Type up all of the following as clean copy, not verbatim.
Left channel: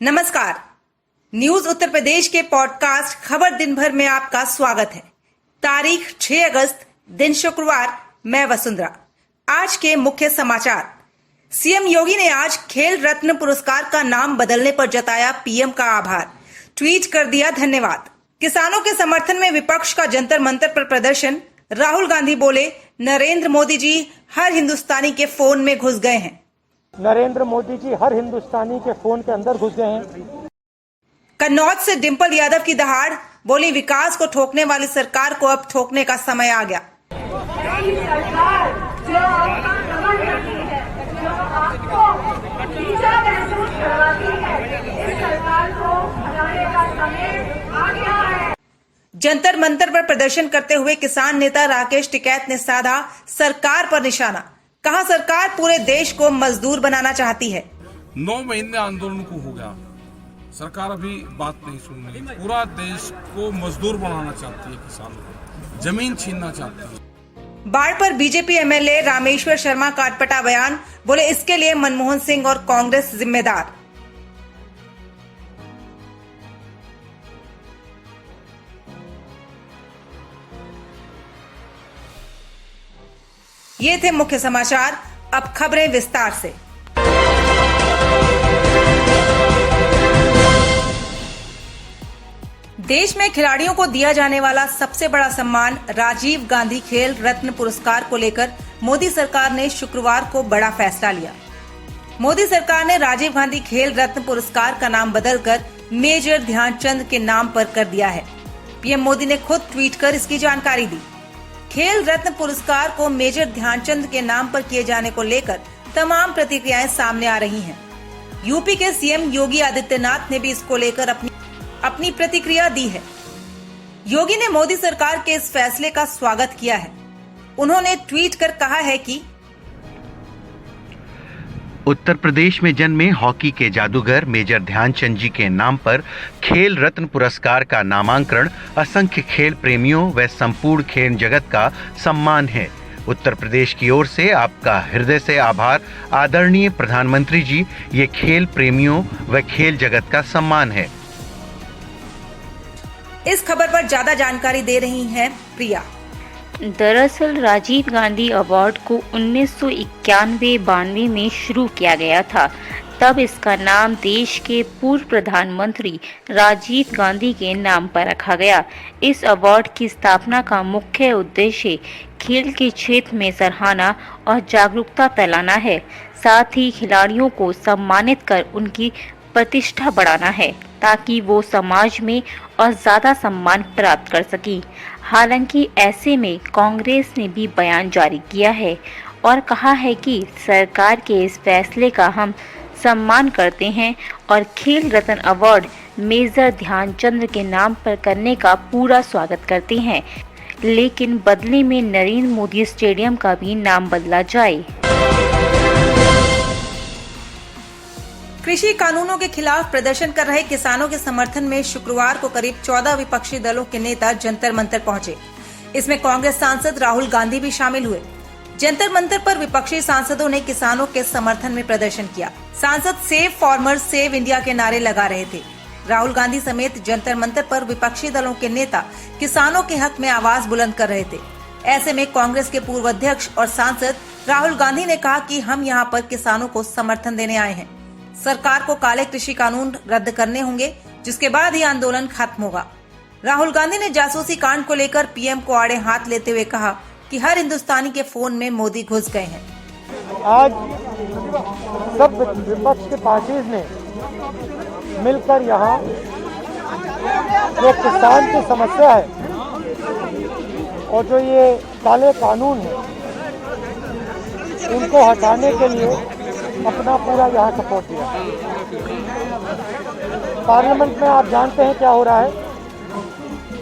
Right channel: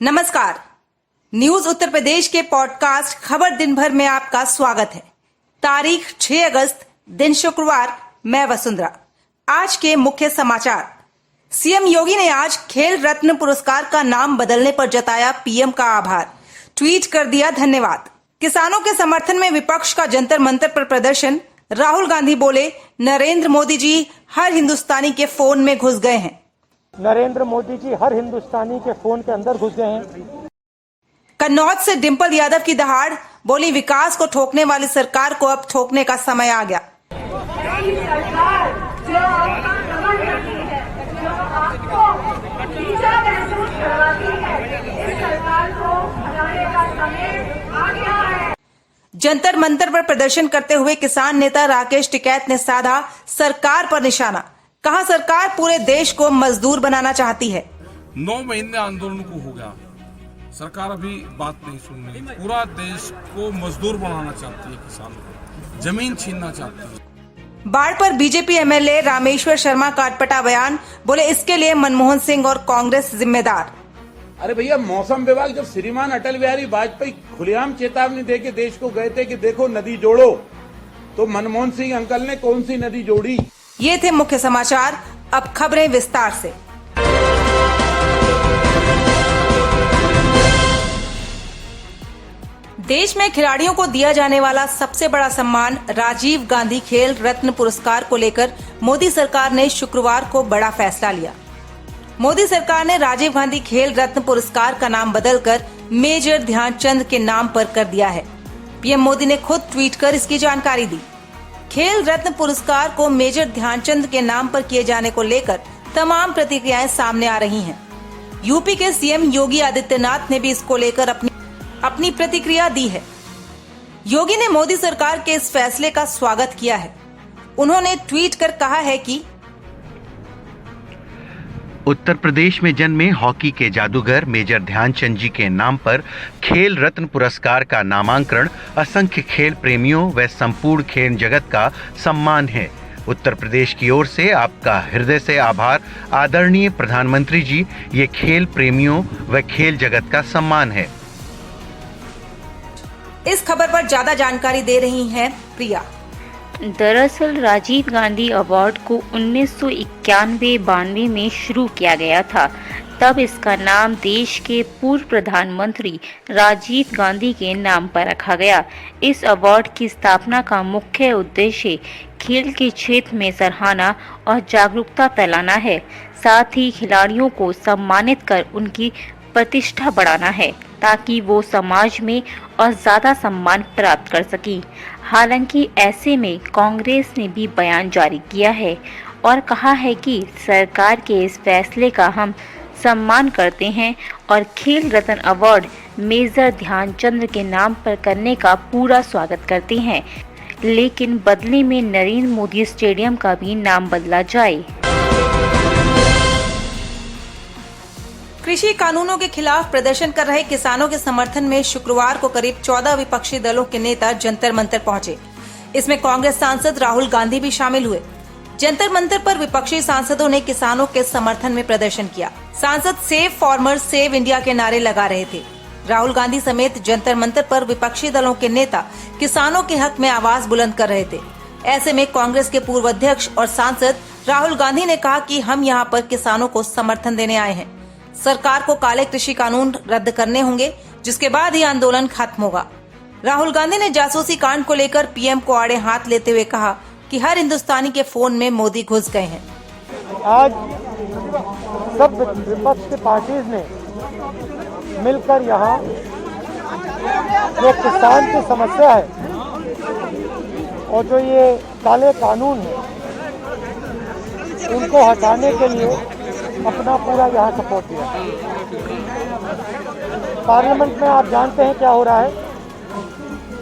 नमस्कार। न्यूज उत्तर प्रदेश के पॉडकास्ट खबर दिन भर में आपका स्वागत है। तारीख 6 अगस्त, दिन शुक्रवार। मैं वसुंधरा। आज के मुख्य समाचार। सीएम योगी ने आज खेल रत्न पुरस्कार का नाम बदलने पर जताया पीएम का आभार। ट्वीट कर दिया धन्यवाद। किसानों के समर्थन में विपक्ष का जंतर मंतर पर प्रदर्शन। राहुल गांधी बोले, नरेंद्र मोदी जी हर हिंदुस्तानी के फोन में घुस गए हैं। नरेंद्र मोदी जी हर हिंदुस्तानी के फोन के अंदर घुस गए हैं। कन्नौज से डिंपल यादव की दहाड़, बोली विकास को ठोकने वाली सरकार को अब ठोकने का समय आ गया। सरकार जो आपका दमन करती है, जो आपको नीचा महसूस करवाती है, इस सरकार को हटाने का समय आ गया है। जंतर मंतर पर प्रदर्शन करते हुए किसान नेता राकेश टिकैत ने साधा सरकार पर निशाना। कहा, सरकार पूरे देश को मजदूर बनाना चाहती है। 9 महीने आंदोलन को हो गया, सरकार अभी बात नहीं सुन रही। पूरा देश को मजदूर बनाना चाहती है, किसानों को जमीन छीनना चाहती है। बाढ़ पर बीजेपी एमएलए रामेश्वर शर्मा का अटपटा बयान, बोले इसके लिए मनमोहन सिंह और कांग्रेस जिम्मेदार। अरे भैया, मौसम विभाग जब श्रीमान अटल बिहारी वाजपेयी खुलेआम चेतावनी देके देश को गए थे कि देखो नदी जोड़ो, तो मनमोहन सिंह अंकल ने कौन सी नदी जोड़ी? ये थे मुख्य समाचार। अब खबरें विस्तार से। देश में खिलाड़ियों को दिया जाने वाला सबसे बड़ा सम्मान राजीव गांधी खेल रत्न पुरस्कार को लेकर मोदी सरकार ने शुक्रवार को बड़ा फैसला लिया। मोदी सरकार ने राजीव गांधी खेल रत्न पुरस्कार का नाम बदलकर मेजर ध्यानचंद के नाम पर कर दिया है। पीएम मोदी ने खुद ट्वीट कर इसकी जानकारी दी। खेल रत्न पुरस्कार को मेजर ध्यानचंद के नाम पर किए जाने को लेकर तमाम प्रतिक्रियाएं सामने आ रही हैं। यूपी के सीएम योगी आदित्यनाथ ने भी इसको लेकर अपनी प्रतिक्रिया दी है। योगी ने मोदी सरकार के इस फैसले का स्वागत किया है। उन्होंने ट्वीट कर कहा है कि उत्तर प्रदेश में जन्मे हॉकी के जादूगर मेजर ध्यानचंद जी के नाम पर खेल रत्न पुरस्कार का नामांकन असंख्य खेल प्रेमियों व संपूर्ण खेल जगत का सम्मान है। उत्तर प्रदेश की ओर से आपका हृदय से आभार आदरणीय प्रधानमंत्री जी। ये खेल प्रेमियों व खेल जगत का सम्मान है। इस खबर पर ज्यादा जानकारी दे रही हैं प्रिया। दरअसल राजीव गांधी अवार्ड को 1991-92 में शुरू किया गया था। तब इसका नाम देश के पूर्व प्रधानमंत्री राजीव गांधी के नाम पर रखा गया। इस अवार्ड की स्थापना का मुख्य उद्देश्य खेल के क्षेत्र में सराहना और जागरूकता फैलाना है। साथ ही खिलाड़ियों को सम्मानित कर उनकी प्रतिष्ठा बढ़ाना है, ताकि वो समाज में और ज्यादा सम्मान प्राप्त कर सके। हालांकि ऐसे में कांग्रेस ने भी बयान जारी किया है और कहा है कि सरकार के इस फैसले का हम सम्मान करते हैं और खेल रत्न अवार्ड मेजर ध्यानचंद के नाम पर करने का पूरा स्वागत करते हैं, लेकिन बदले में नरेंद्र मोदी स्टेडियम का भी नाम बदला जाए। कृषि कानूनों के खिलाफ प्रदर्शन कर रहे किसानों के समर्थन में शुक्रवार को करीब 14 विपक्षी दलों के नेता जंतर मंतर पहुंचे। इसमें कांग्रेस सांसद राहुल गांधी भी शामिल हुए। जंतर मंतर पर विपक्षी सांसदों ने किसानों के समर्थन में प्रदर्शन किया। सांसद सेव फार्मर सेव इंडिया के नारे लगा रहे थे। राहुल गांधी समेत जंतर मंतर पर विपक्षी दलों के नेता किसानों के हक में आवाज बुलंद कर रहे थे। ऐसे में कांग्रेस के पूर्व अध्यक्ष और सांसद राहुल गांधी ने कहा कि हम यहाँ पर किसानों को समर्थन देने आए हैं। सरकार को काले कृषि कानून रद्द करने होंगे, जिसके बाद ही आंदोलन खत्म होगा। राहुल गांधी ने जासूसी कांड को लेकर पीएम को आड़े हाथ लेते हुए कहा कि हर हिंदुस्तानी के फोन में मोदी घुस गए हैं। आज सब विपक्ष के पार्टीज ने मिलकर यहाँ जो किसान की समस्या है और जो ये काले कानून है, उनको हटाने के लिए अपना पूरा यहाँ सपोर्ट दिया। पार्लियामेंट में आप जानते हैं क्या हो रहा है।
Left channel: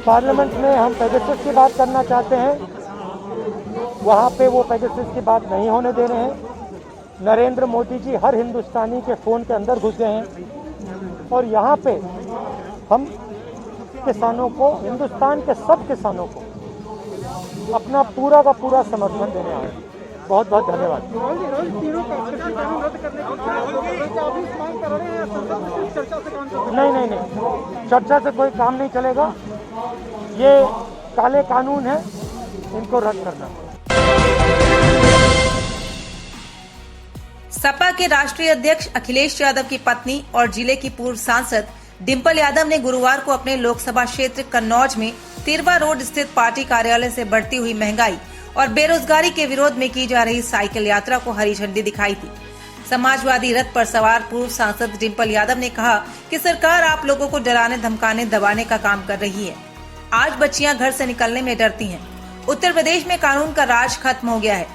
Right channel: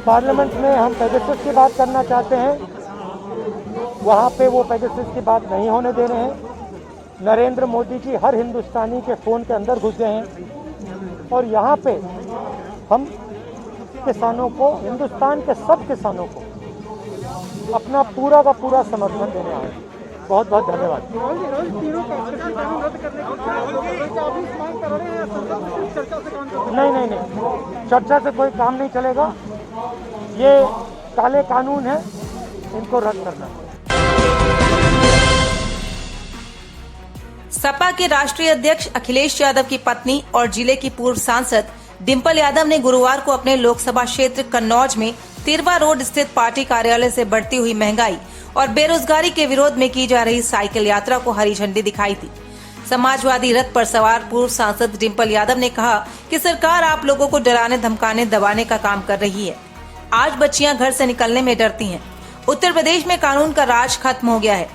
पार्लियामेंट में हम पेगासस की बात करना चाहते हैं, वहाँ पे वो पेगासस की बात नहीं होने दे रहे हैं। नरेंद्र मोदी जी हर हिंदुस्तानी के फ़ोन के अंदर घुस गए हैं और यहाँ पे हम किसानों को, हिंदुस्तान के सब किसानों को अपना पूरा का पूरा समर्थन देने आए हैं। बहुत बहुत धन्यवाद। नहीं, चर्चा से कोई काम नहीं चलेगा। ये काले कानून है, इनको रद्द करना। सपा के राष्ट्रीय अध्यक्ष अखिलेश यादव की पत्नी और जिले की पूर्व सांसद डिंपल यादव ने गुरुवार को अपने लोकसभा क्षेत्र कन्नौज में तिरवा रोड स्थित पार्टी कार्यालय से बढ़ती हुई महंगाई और बेरोजगारी के विरोध में की जा रही साइकिल यात्रा को हरी झंडी दिखाई थी। समाजवादी रथ पर सवार पूर्व सांसद डिंपल यादव ने कहा कि सरकार आप लोगों को डराने, धमकाने, दबाने का काम कर रही है। आज बच्चियां घर से निकलने में डरती हैं। उत्तर प्रदेश में कानून का राज खत्म हो गया है।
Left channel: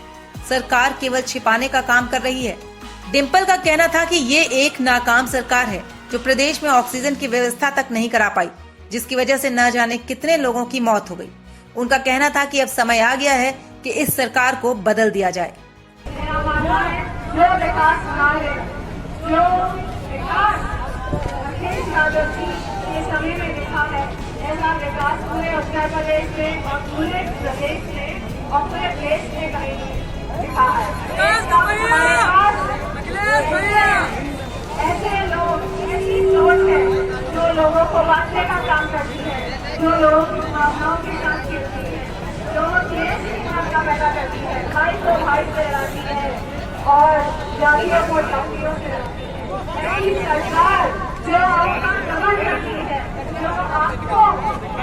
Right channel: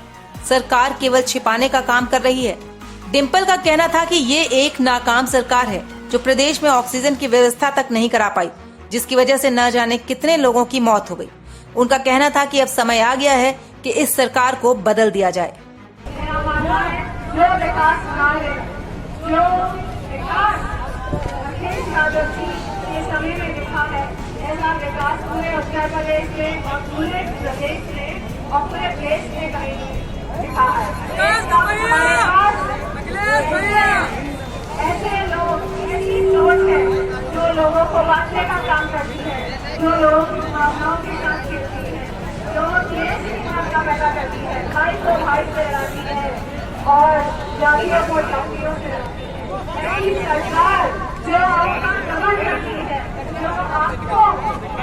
सरकार केवल छिपाने का काम कर रही है। डिंपल का कहना था कि ये एक नाकाम सरकार है जो प्रदेश में ऑक्सीजन की व्यवस्था तक नहीं करा पाई, जिसकी वजह से न जाने कितने लोगों की मौत हो गई। उनका कहना था कि अब समय आ गया है कि इस सरकार को बदल दिया जाए। मेरा मानना है जो विकास कार्य, जो विकास अखिलेश यादव जी के समय में दिखा है, ऐसा विकास पूरे उत्तर प्रदेश में और पूरे प्रदेश में और पूरे देश में कहीं दिखा है। ऐसे लोग, ऐसी सोच है जो लोगों को बांटने का काम करती है, जो लोगों की भावनाओं के साथ खेलती है, जो देश की भावना पैदा करती है, भाई को भाई से लड़ाती है और जातियों को जातियों से लड़ती है। ऐसी सरकार जो आपका दमन करती है, जो आपको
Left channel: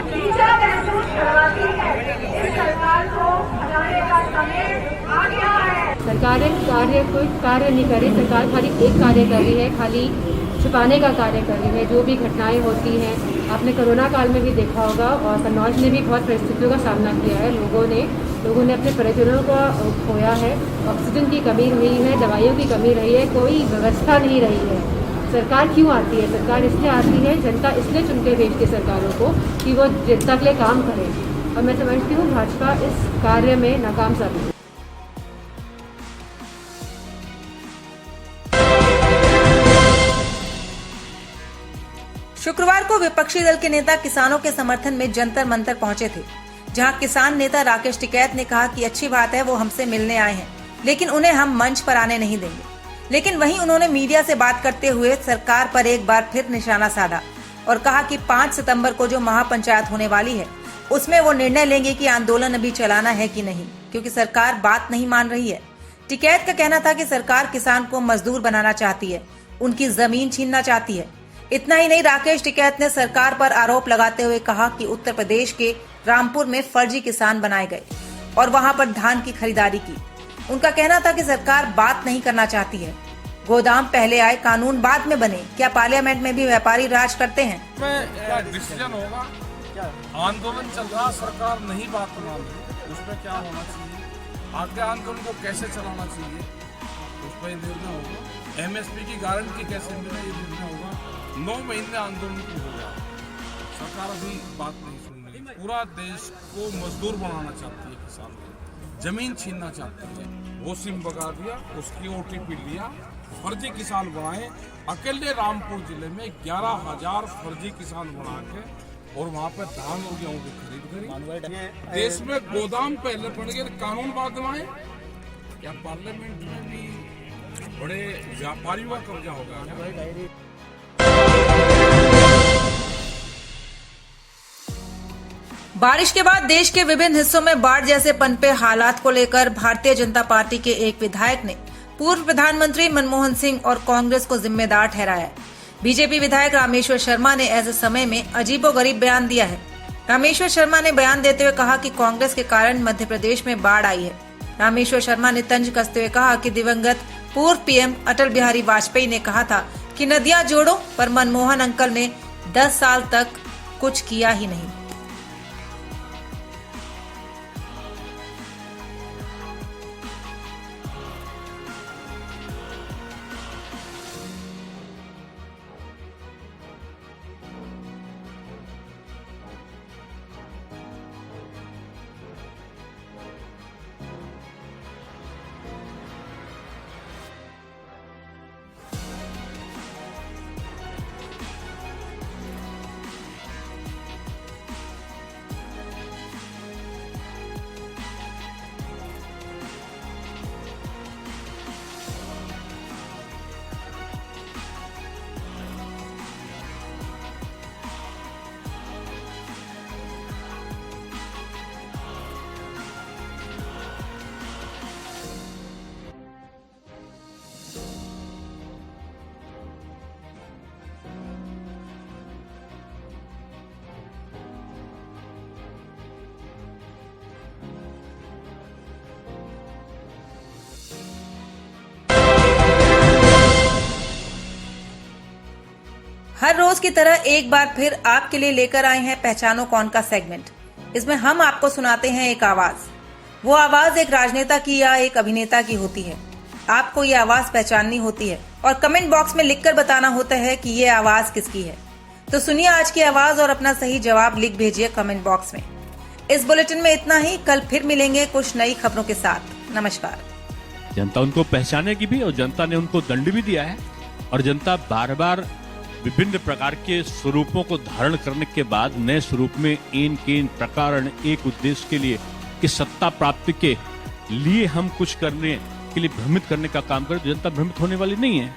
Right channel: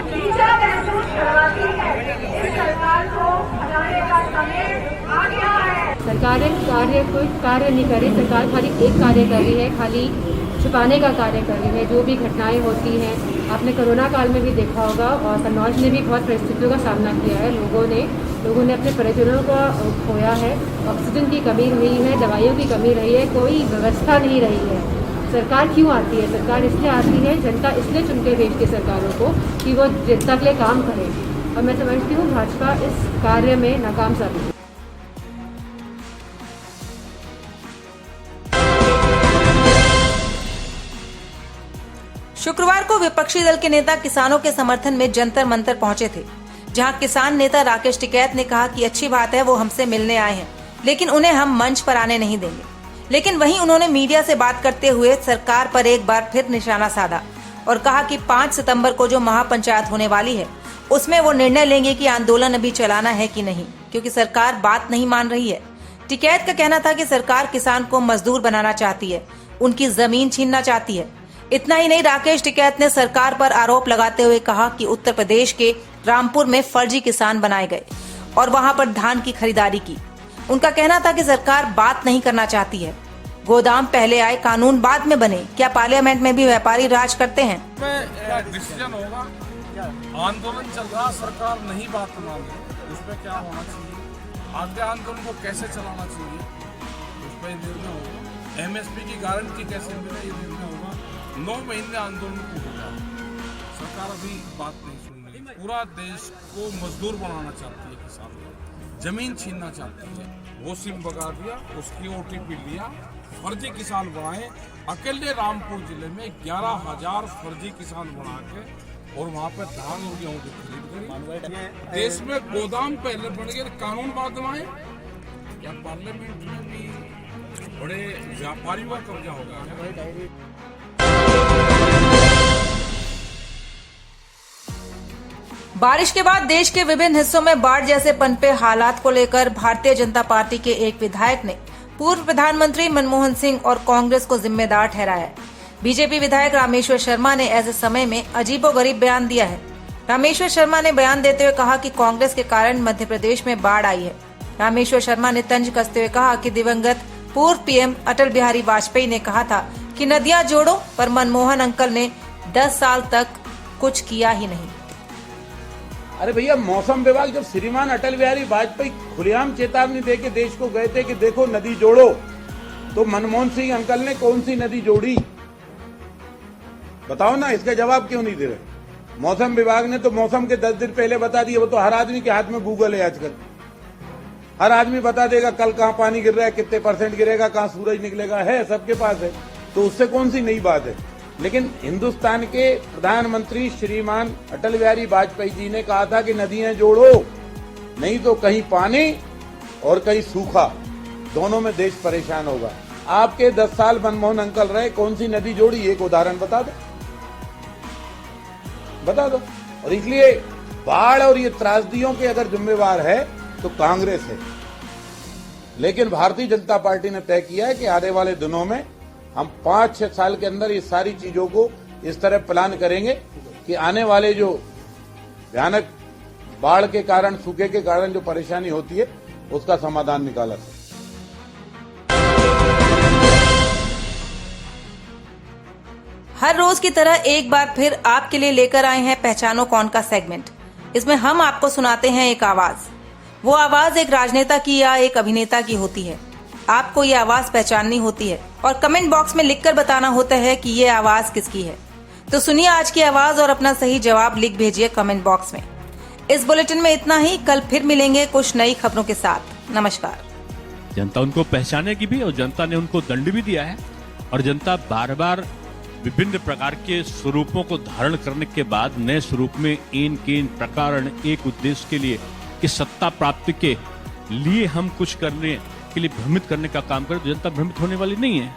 नीचा महसूस करवाती है, इस सरकार को हटाने का समय आ गया है। सरकार कोई कार्य नहीं कर रही। सरकार खाली एक कार्य कर रही है, खाली छुपाने का कार्य कर रही है। जो भी घटनाएं होती हैं, आपने कोरोना काल में भी देखा होगा और कन्नौज ने भी बहुत परिस्थितियों का सामना किया है। लोगों ने अपने परिजनों को खोया है, ऑक्सीजन की कमी रही है, दवाइयों की कमी रही है, कोई व्यवस्था नहीं रही है। सरकार क्यों आती है? सरकार इसलिए आती है, जनता इसलिए चुनके भेजती है सरकारों को कि वो जनता के लिए काम करे, और मैं समझती हूँ भाजपा इस कार्य में नाकाम साबित है। शुक्रवार को विपक्षी दल के नेता किसानों के समर्थन में जंतर मंतर पहुंचे थे, जहां किसान नेता राकेश टिकैत ने कहा कि अच्छी बात है, वो हमसे मिलने आए हैं, लेकिन उन्हें हम मंच पर आने नहीं देंगे। लेकिन वहीं उन्होंने मीडिया से बात करते हुए सरकार पर एक बार फिर निशाना साधा और कहा कि 5 सितंबर को जो महापंचायत होने वाली है, उसमें वो निर्णय लेंगे कि आंदोलन अभी चलाना है कि नहीं, क्योंकि सरकार बात नहीं मान रही है। टिकैत का कहना था कि सरकार किसान को मजदूर बनाना चाहती है, उनकी जमीन छीनना चाहती है। इतना ही नहीं, राकेश टिकैत ने सरकार पर आरोप लगाते हुए कहा कि उत्तर प्रदेश के रामपुर में फर्जी किसान बनाए गए और वहां पर धान की खरीदारी की। उनका कहना था कि सरकार बात नहीं करना चाहती है। गोदाम पहले आए, कानून बाद में बने। क्या पार्लियामेंट में भी व्यापारी राज करते हैं? डिसीजन होगा, आंदोलन चल रहा, सरकार नहीं बात मान रही, उसमें क्या होना चाहिए, आगे आंदोलन को कैसे चलाना चाहिए, उस पर निर्णय होगा। एमएसपी की गारंटी कैसे मिले, ये निर्णय होगा। 9 महीने आंदोलन को हो गया, सरकार अभी बात नहीं सुन रही। पूरा देश को मजदूर बनाना चाहती है, किसान को जमीन छीनना चाहती है। वो सिम बगा दिया, उसकी ओटीपी लिया, फर्जी किसान बनाए। अकेले रामपुर जिले में 11,000 फर्जी किसान बना के और वहाँ पे धान और गेहूं की खरीद करी। देश में गोदाम पहले बन गए, कानून बाद में आए। क्या पार्लियामेंट में भी बड़े व्यापारियों का कब्जा होगा? बारिश के बाद देश के विभिन्न हिस्सों में बाढ़ जैसे पनपे हालात को लेकर भारतीय जनता पार्टी के एक विधायक ने पूर्व प्रधानमंत्री मनमोहन सिंह और कांग्रेस को जिम्मेदार ठहराया है। बीजेपी विधायक रामेश्वर शर्मा ने ऐसे समय में अजीबोगरीब बयान दिया है। रामेश्वर शर्मा ने बयान देते हुए कहा कि कांग्रेस के कारण मध्य प्रदेश में बाढ़ आई है। रामेश्वर शर्मा ने तंज कसते हुए कहा कि दिवंगत पूर्व पीएम अटल बिहारी वाजपेयी ने कहा था कि नदियां जोड़ो, पर मनमोहन अंकल ने 10 साल तक कुछ किया ही नहीं। अरे भैया, मौसम विभाग जब श्रीमान अटल बिहारी वाजपेयी खुलेआम चेतावनी देके देश को गए थे कि देखो नदी जोड़ो, तो मनमोहन सिंह अंकल ने कौन सी नदी जोड़ी? बताओ ना, इसका जवाब क्यों नहीं दे रहे? मौसम विभाग ने तो मौसम के 10 दिन पहले बता दिया। वो तो हर आदमी के हाथ में गूगल है आजकल, हर आदमी बता देगा कल कहाँ पानी गिर रहा है, कितने % गिरेगा, कहाँ सूरज निकलेगा, है सबके पास है। तो उससे कौन सी नई बात है? लेकिन हिंदुस्तान के प्रधानमंत्री श्रीमान अटल बिहारी वाजपेयी जी ने कहा था कि नदियां जोड़ो, नहीं तो कहीं पानी और कहीं सूखा, दोनों में देश परेशान होगा। आपके 10 साल मनमोहन अंकल रहे, कौन सी नदी जोड़ी, एक उदाहरण बता दो, बता दो। और इसलिए बाढ़ और ये त्रासदियों के अगर जिम्मेवार है तो कांग्रेस है, लेकिन भारतीय जनता पार्टी ने तय किया है कि आने वाले दिनों में हम 5-6 साल के अंदर ये सारी चीजों को इस तरह प्लान करेंगे कि आने वाले जो भयानक बाढ़ के कारण, सूखे के कारण जो परेशानी होती है, उसका समाधान निकाला जाए। हर रोज की तरह एक बार फिर आपके लिए लेकर आए हैं पहचानो कौन का सेगमेंट। इसमें हम आपको सुनाते हैं एक आवाज। वो आवाज एक राजनेता की या एक अभिनेता की होती है। आपको ये आवाज पहचाननी होती है और कमेंट बॉक्स में लिखकर बताना होता है कि ये आवाज किसकी है। तो सुनिए आज की आवाज और अपना सही जवाब लिख भेजिए कमेंट बॉक्स में। इस बुलेटिन में इतना ही। कल फिर मिलेंगे कुछ नई खबरों के साथ। नमस्कार। जनता उनको पहचानेगी भी और जनता ने उनको दंड भी दिया है, और जनता बार बार विभिन्न प्रकार के स्वरूपों को धारण करने के बाद नए स्वरूप में इन प्रकार एक उद्देश्य के लिए कि सत्ता प्राप्ति के लिए हम कुछ करने के लिए भ्रमित करने का काम करें, तो जनता भ्रमित होने वाली नहीं है।